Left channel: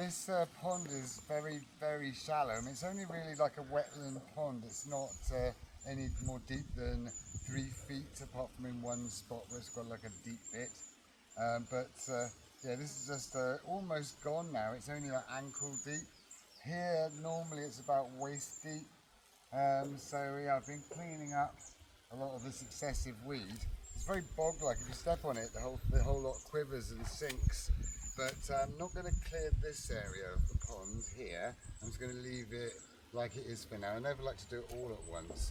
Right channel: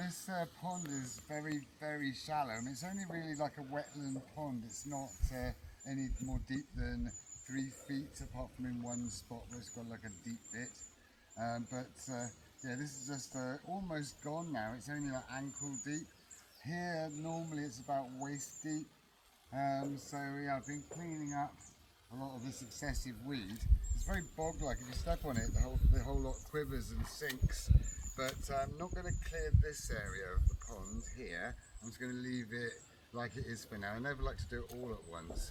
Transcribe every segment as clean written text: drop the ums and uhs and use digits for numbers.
This pond is very, very shallow. I mean, it's only really like a wetland pond. It's not any more deep than 3 feet, apart from in one spot where it's got like a deep bit. Yeah, this is just almost gone now. It's only like ankle deep. Here, normally it's about waist deep. So yeah, I've been cleaning up a lot of this excessive weed. It's very bog-like. If you step on it, the whole lot quivers and sinks. But I'm not going to clear this area of the pond here. I'm just going to leave it like it is for now. I never like to do it all at once.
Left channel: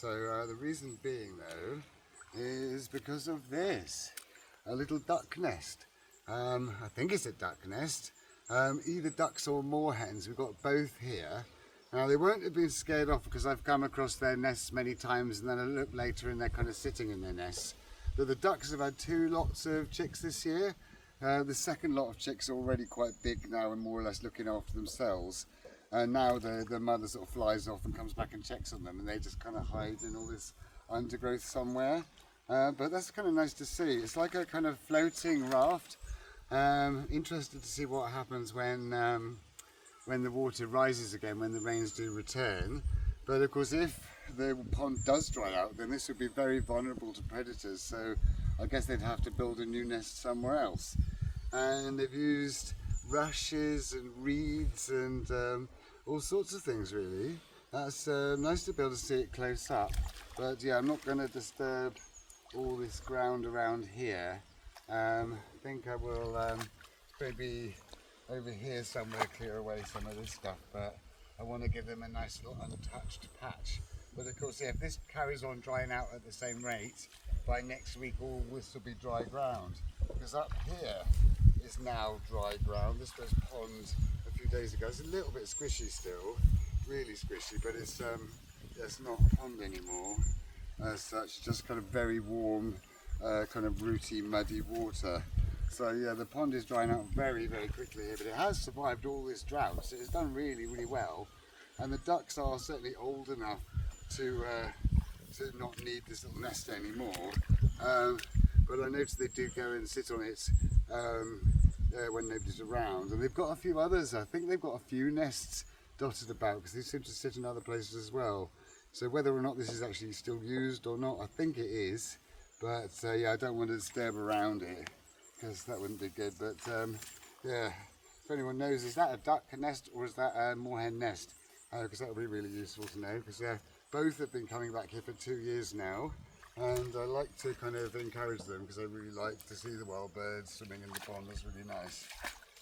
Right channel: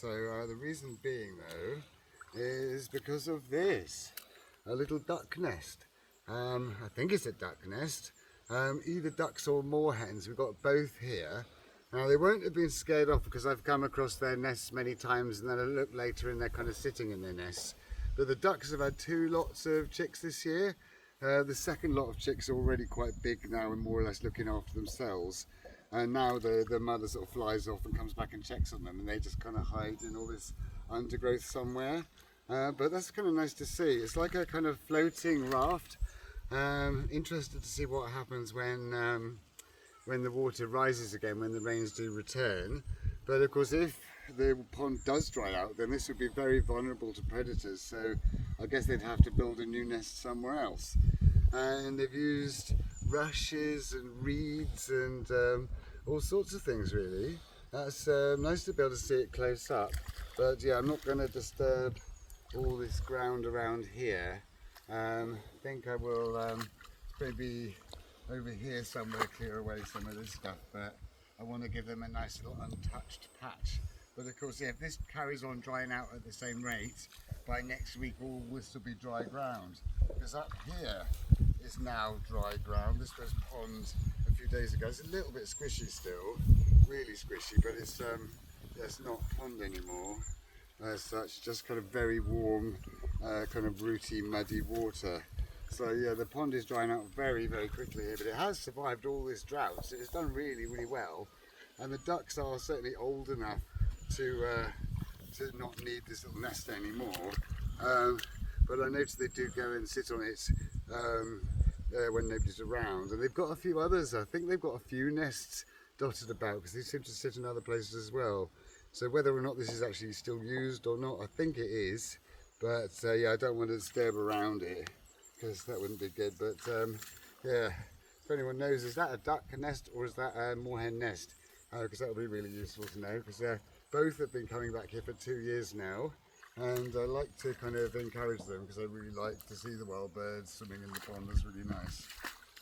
The reason being though is because of this, a little duck nest. I think it's a duck nest. Either ducks or moorhens. We've got both here. Now they won't have been scared off because I've come across their nests many times, and then I look later and they're kind of sitting in their nests. But the ducks have had 2 lots of chicks this year. The second lot of chicks are already quite big now and more or less looking after themselves. And now the mother sort of flies off and comes back and checks on them, and they just kind of hide in all this undergrowth somewhere. But that's kind of nice to see. It's like a kind of floating raft. Interested to see what happens when the water rises again, when the rains do return. But of course, if the pond does dry out, then this would be very vulnerable to predators. So I guess they'd have to build a new nest somewhere else. And they've used rushes and reeds and all sorts of things really. That's nice to be able to see it close up. But yeah, I'm not going to disturb all this ground around here. I think I will maybe over here somewhere clear away some of this stuff, but I want to give them a nice little untouched patch. But of course, yeah, if this carries on drying out at the same rate, by next week all this will be dry ground. Because up here is now dry ground. This was pond a few days ago. It's a little bit squishy still, really squishy, but it's not pond anymore as such, just kind of very warm, kind of rooty, muddy water. So yeah, the pond is drying out very, very quickly here, but it has survived all this drought, so it's done really, really well. And the ducks are certainly old enough to not need this little nest anymore. But I noticed they do go and sit on it when nobody's around. And they've got a few others. I think they've got a few nests dotted about because they seem to sit in other places as well. So whether or not this is actually still used or not, I think it is. But yeah, I don't want to disturb around it, because that wouldn't be good. But yeah, if anyone knows, is that a duck nest or is that a moorhen nest? Because that would be really useful to know, because both have been coming back here for 2 years now, and I like to kind of encourage them because I really like to see the wild birds swimming in the pond. It's really nice.